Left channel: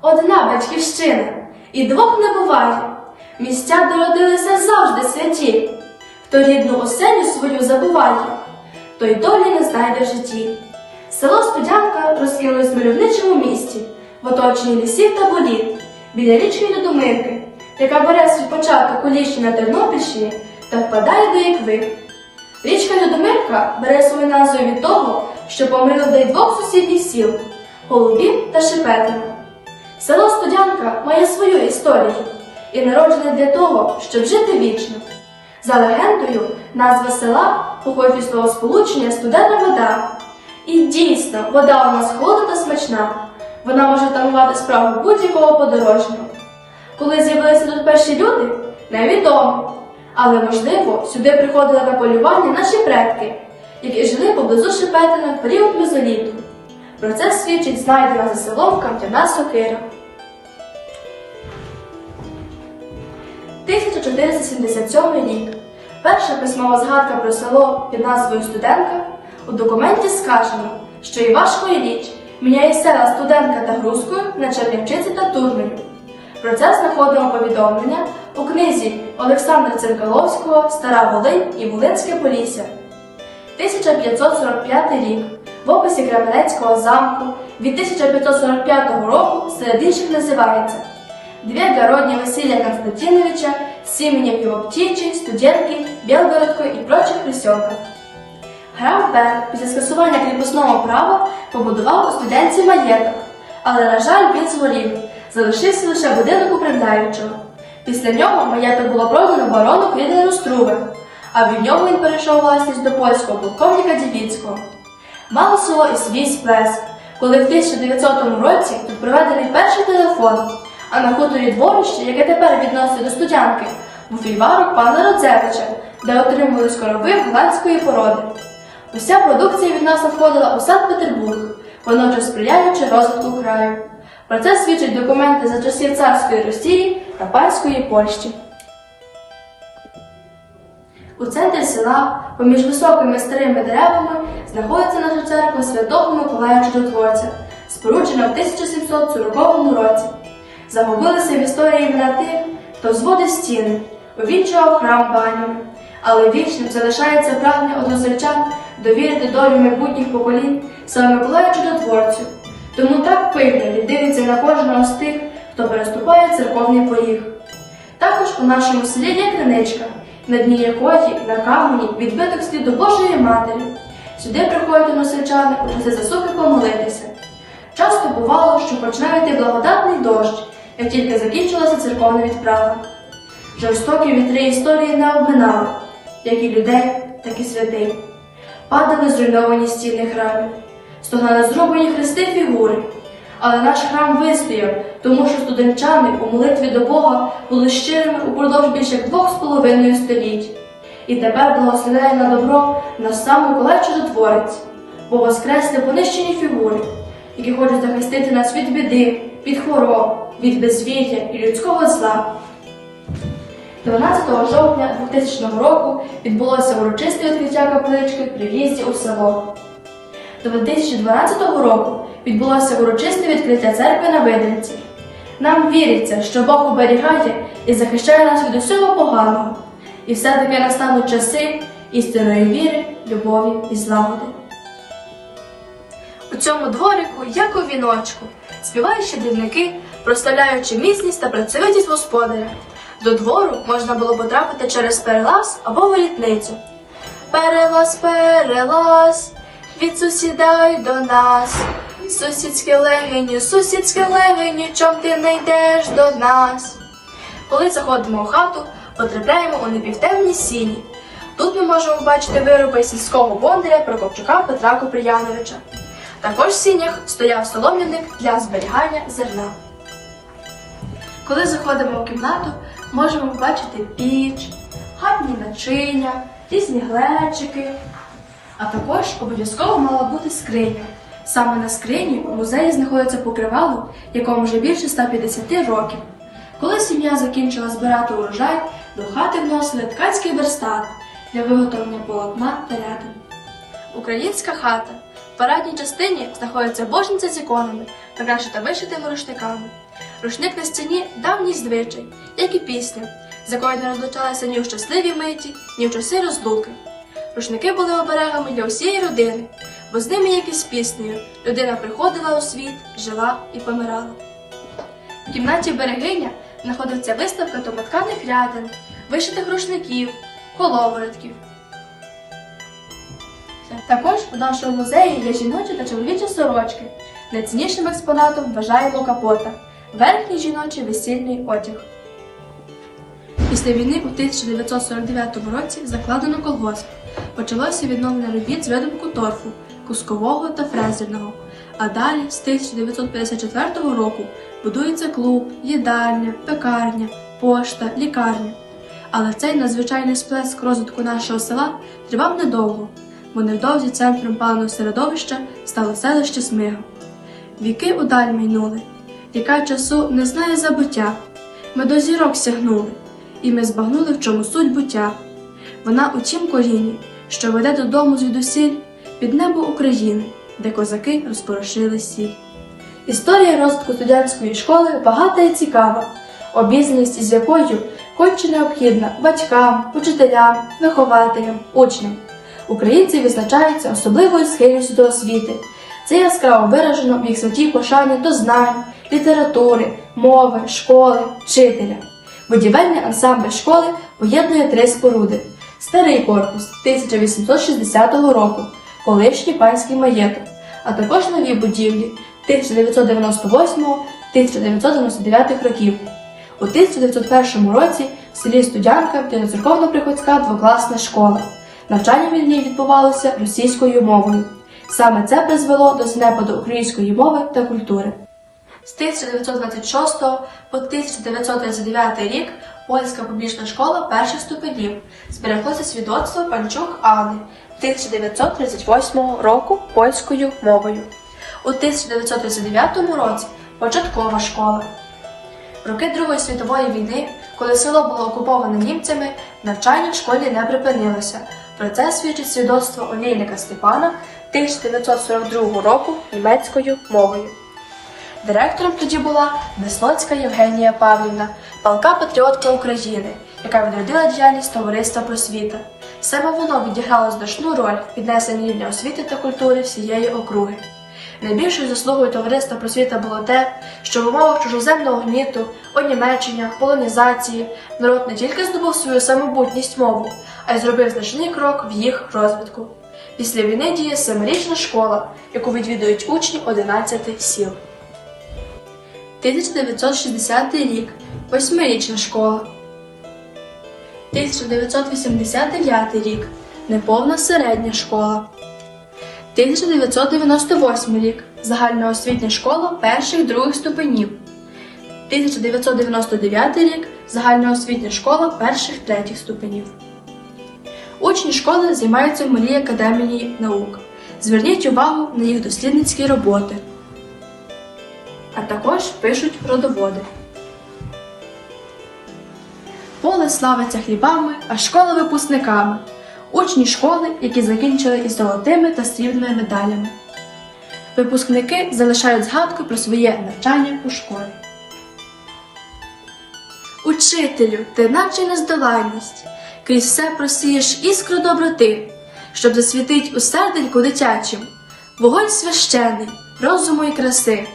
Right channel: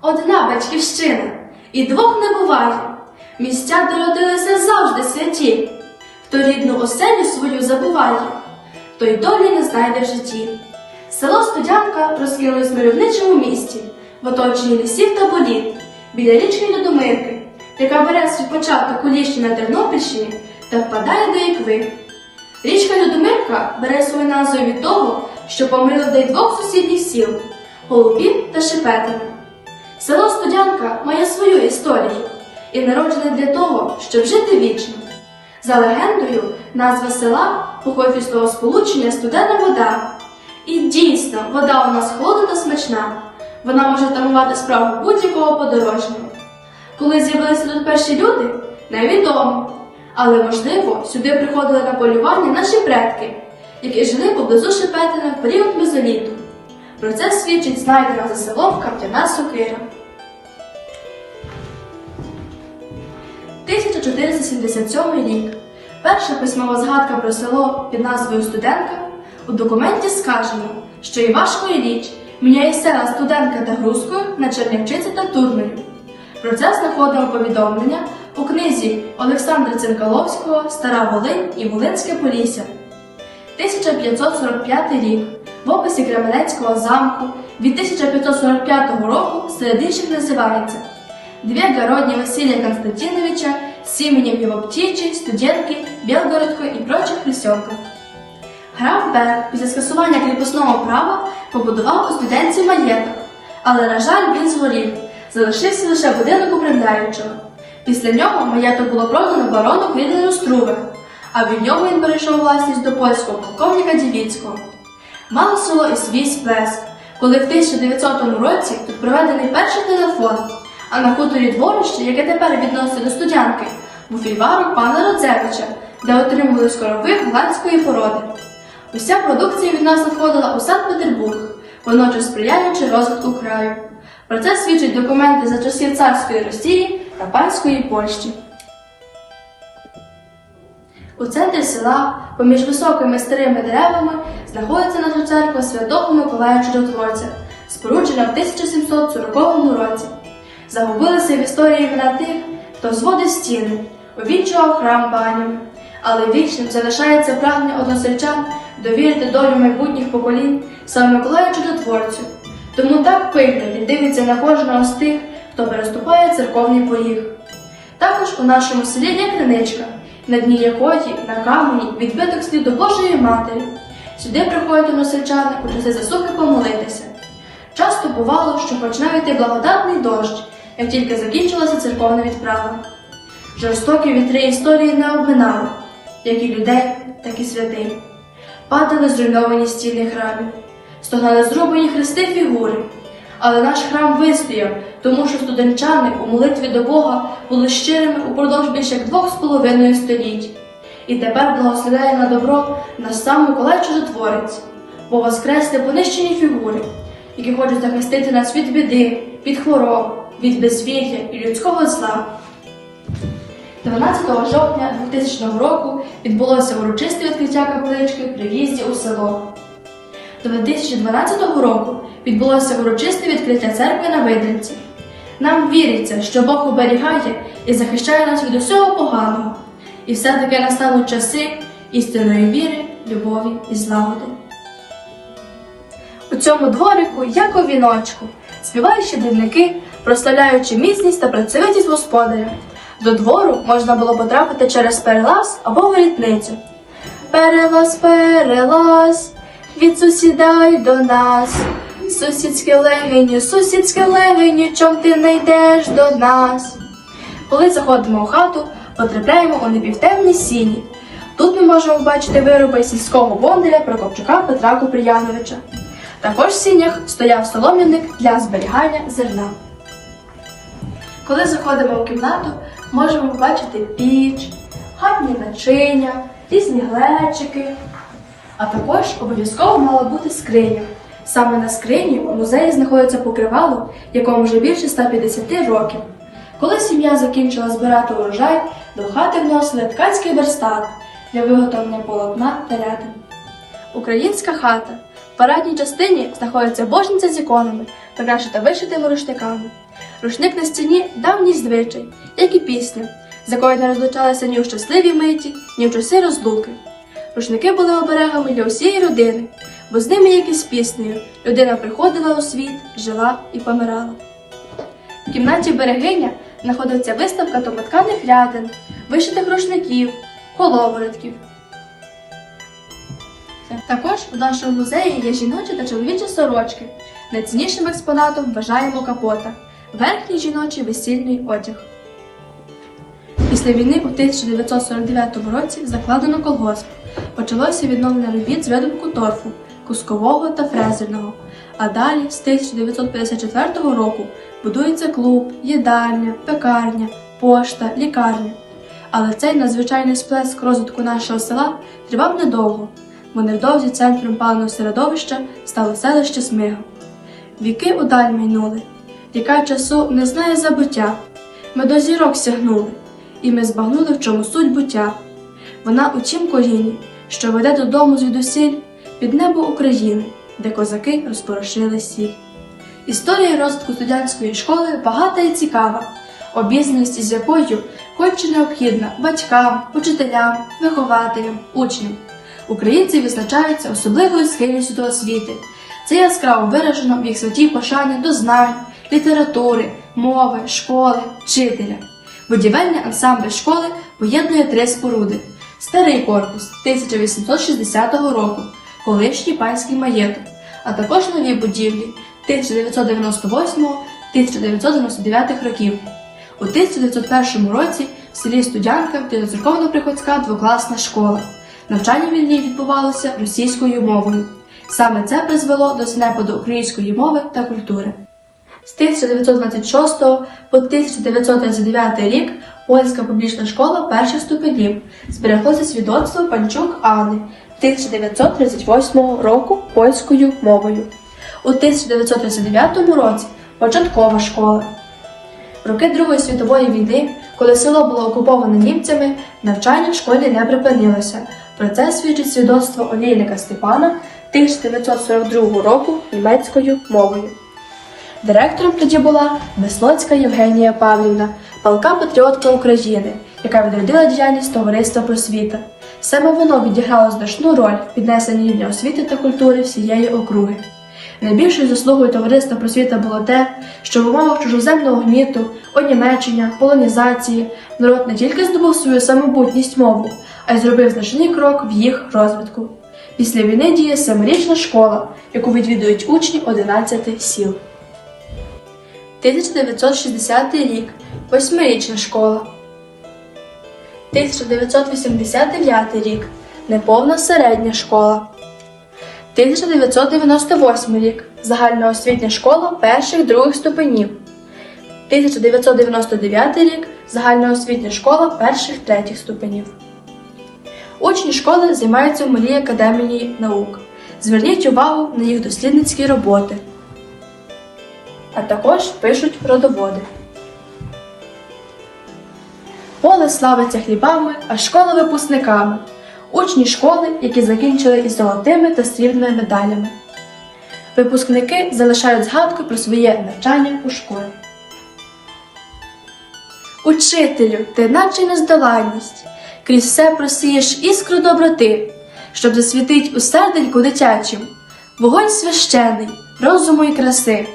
Одна батьківщина, і двох не буває. Місця, де родилися завжди святі. Хто рідну оселю свою забуває, той долі не знайде в житті. Село Студянка розкинулось в мальовничому місті, в оточенні лісів та боліт, біля річки Людомирки, яка бере свій початок у ліщі на Тернопільщині та впадає до Ікви. Річка Людомирка бере свою назву від того, що помилує людей двох сусідніх сіл Голубів та Шепетина. Село Студянка має свою історію і народжене для того, щоб жити вічно. За легендою, назва села походить від слова сполучення студена вода. І дійсно, вода у нас холодна та смачна. Вона може тамувати справу будь-якого подорожнього. Коли з'явилися тут перші люди, невідомо. Але, можливо, сюди приходили на полювання наші предки, які жили поблизу Шепетина в період мезоліту. Про це свідчить знайдена за селом кам'яна сокира. 1477 рік. Перша письмова згадка про село під назвою Студенка у документі сказано, що Івашко Ілліч міняє села Студенка та Грузькою на Чернівчиці та Турмелю. Про це знаходимо повідомлення у книзі Олександра Цинкаловського Стара Волинь і Волинське Полісся. 1545 рік в описі Кременецького замку від 1545 року серед інших називається Две городні Василия Константиновича с именем его птичьей, студентки, Белгородко і прочих присьоках. Граф Бер після скасування кріпосного права побудував у студентці маєток, але, на жаль, він згорів, залишився лише будинок управляючого. Після нього маєток було продано барону Квідену Струве, а від нього він перейшов власність до польського полковника Дівіцького. Мало село і свій сплеск, коли в 1900 році тут проведений перший телефон, а на хуторі дворище, яке тепер відносить до студянки, був фільварок пана Родзевича, де отримували скороби голландської породи. Уся продукція від нас надходила у Санкт-Петербург, водночас сприяючи розвитку краю. Про це свідчать документи за часів царської Росії та Польщі. У центрі села, поміж високими старими деревами, знаходиться наша церква Святого Миколая Чудотворця, споруджена в 1740 році. Загубилися в історії імена тих, хто зводив стіни, увінчував храм банями. Але вічним залишається прагнення односельчан довірити долю майбутніх поколінь саме Миколаю Чудотворцю. Тому так пильно він дивиться на кожного з тих, хто переступає церковний поріг. Також у нашому селі є криничка, на дні якої на камені відбиток сліду Божої Матері. Сюди приходять односельчани у часи засухи помолитися. Часто бувало, що почне йти благодатний дощ, як тільки закінчилася церковна відправа. Жорстокі вітри історії не обминали, як і людей, так і святих. Падали зруйновані стіни храмів, стогнали зрубані хрести фігури. Але наш храм вистояв, тому що студенчани у молитві до Бога були щирими упродовж більше як двох з половиною століть. І тепер благословляє на добро нас сам Миколай Чудотворець, бо воскресли понищені фігури, які хочуть захистити нас від біди, від хвороб, від безвір'я і людського зла. 12 жовтня 2000 року відбулося урочисте відкриття каплички при в'їзді у село. До 2012 року відбулося урочисте відкриття церкви на Видинці. Нам віриться, що Бог оберігає і захищає нас від усього поганого, і все-таки настануть часи істинної віри, любові і злагоди. У цьому дворику, як у віночку, співають щедрівники, прославляючи міцність та працьовитість господаря. До двору можна було потрапити через перелаз або ворітницю. Перелаз, перелаз, від сусіда й до нас. Сусідське легені, сусідське легені, чом ти не йдеш до нас? Коли заходимо у хату, потрапляємо у непівтемні сіні. Тут ми можемо бачити вироби сільського бондаря Прокопчука Петра Куприяновича. Також в сінях стояв солом'яник для зберігання зерна. Коли заходимо в кімнату, можемо побачити піч, хатні начиня, різні глечики. А також обов'язково мала бути скриня. Саме на скрині у музеї знаходиться покривало, якому вже більше 150 років. Коли сім'я закінчила збирати урожай, до хати вносили ткацький верстат для виготовлення полотна та рядин. Українська хата. В парадній частині знаходиться божниця з іконами, прикрашена вишитими рушниками. Рушник на стіні давній звичай, як і пісня, з якою не розлучалися ні у щасливі миті, ні в часи розлуки. Рушники були оберегами для усієї родини, бо з ними, як і з піснею, людина приходила у світ, жила і помирала. В кімнаті берегиня знаходиться виставка домотканих рядин, вишитих рушників, коловоротків. Також у нашому музеї є жіночі та чоловічі сорочки. Найціннішим експонатом вважаємо капота верхній жіночий весільний одяг. Після війни у 1949 році закладено колгосп. Почалося відновлення робіт з видобутку торфу, кускового та фрезерного. А далі, з 1954 року, будується клуб, їдальня, пекарня, пошта, лікарня. Але цей надзвичайний сплеск розвитку нашого села тривав недовго, бо невдовзі центром паного середовища стало селище Смига. Віки удаль майнули, ріка часу не знає забуття. Ми до зірок сягнули, і ми збагнули, в чому суть буття. Вона у тім коліні, що веде додому звідусіль під небо України, де козаки розпорошили сіль. Історія розвитку студентської школи багата і цікава, обізнаність із якою конче необхідна батькам, учителям, вихователям, учням. Українці відзначаються особливою схильністю до освіти. Це яскраво виражено в їх святій пошані до знань, літератури, мови, школи, вчителя. Будівельний ансамбль школи поєднує три споруди: старий корпус 1860 року, колишній панський маєток, а також нові будівлі 1998-1999 років. У 1901 році в селі Студянка буде церковно-приходська двокласна школа. Навчання в ній відбувалося російською мовою. Саме це призвело до знепаду української мови та культури. З 1926 по 1939 рік польська публічна школа перших ступенів збереглося свідоцтво Панчук Анни 1938 року польською мовою. У 1939 році початкова школа. В роки Другої світової війни, коли село було окуповане німцями, навчання в школі не припинилося. Про це свідчить свідоцтво олійника Степана 1942 року німецькою мовою. Директором тоді була Веслоцька Євгенія Павлівна, палка патріотка України, яка відродила діяльність товариства просвіта. Саме воно відіграло значну роль в піднесенні рівня освіти та культури всієї округи. Найбільшою заслугою товариства просвіта було те, що в умовах чужоземного гніту, онімечення, полонізації народ не тільки здобув свою самобутність мову, а й зробив значний крок в їх розвитку. Після війни діє семирічна школа, яку відвідують учні 11 сіл. 1960 рік восьмирічна школа. 1989 рік неповна середня школа. 1998 рік загальноосвітня школа перших других ступенів. 1999 рік загальноосвітня школа перших третіх ступенів. Учні школи займаються в малій академії наук. Зверніть увагу на їх дослідницькі роботи, а також пишуть родоводи. Поле славиться хлібами, а школа випускниками. Учні школи, які закінчили із золотими та срібними медалями. Випускники залишають згадку про своє навчання у школі. Учителю, ти наче нездоланність, крізь все просієш іскру доброти, щоб засвітить у серденьку дитячим, вогонь священий, розуму і краси.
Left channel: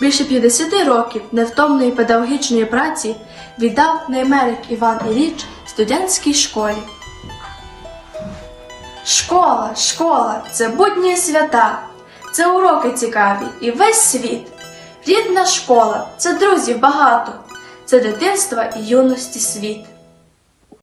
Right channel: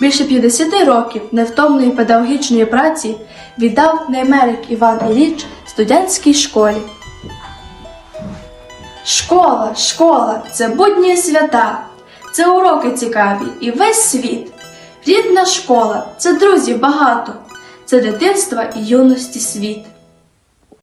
Більше 50 років невтомної педагогічної праці віддав Неймерик Іван Ілліч студентській школі. Школа, школа це будні свята, це уроки цікаві і весь світ. Рідна школа це друзів багато, це дитинства і юності світ.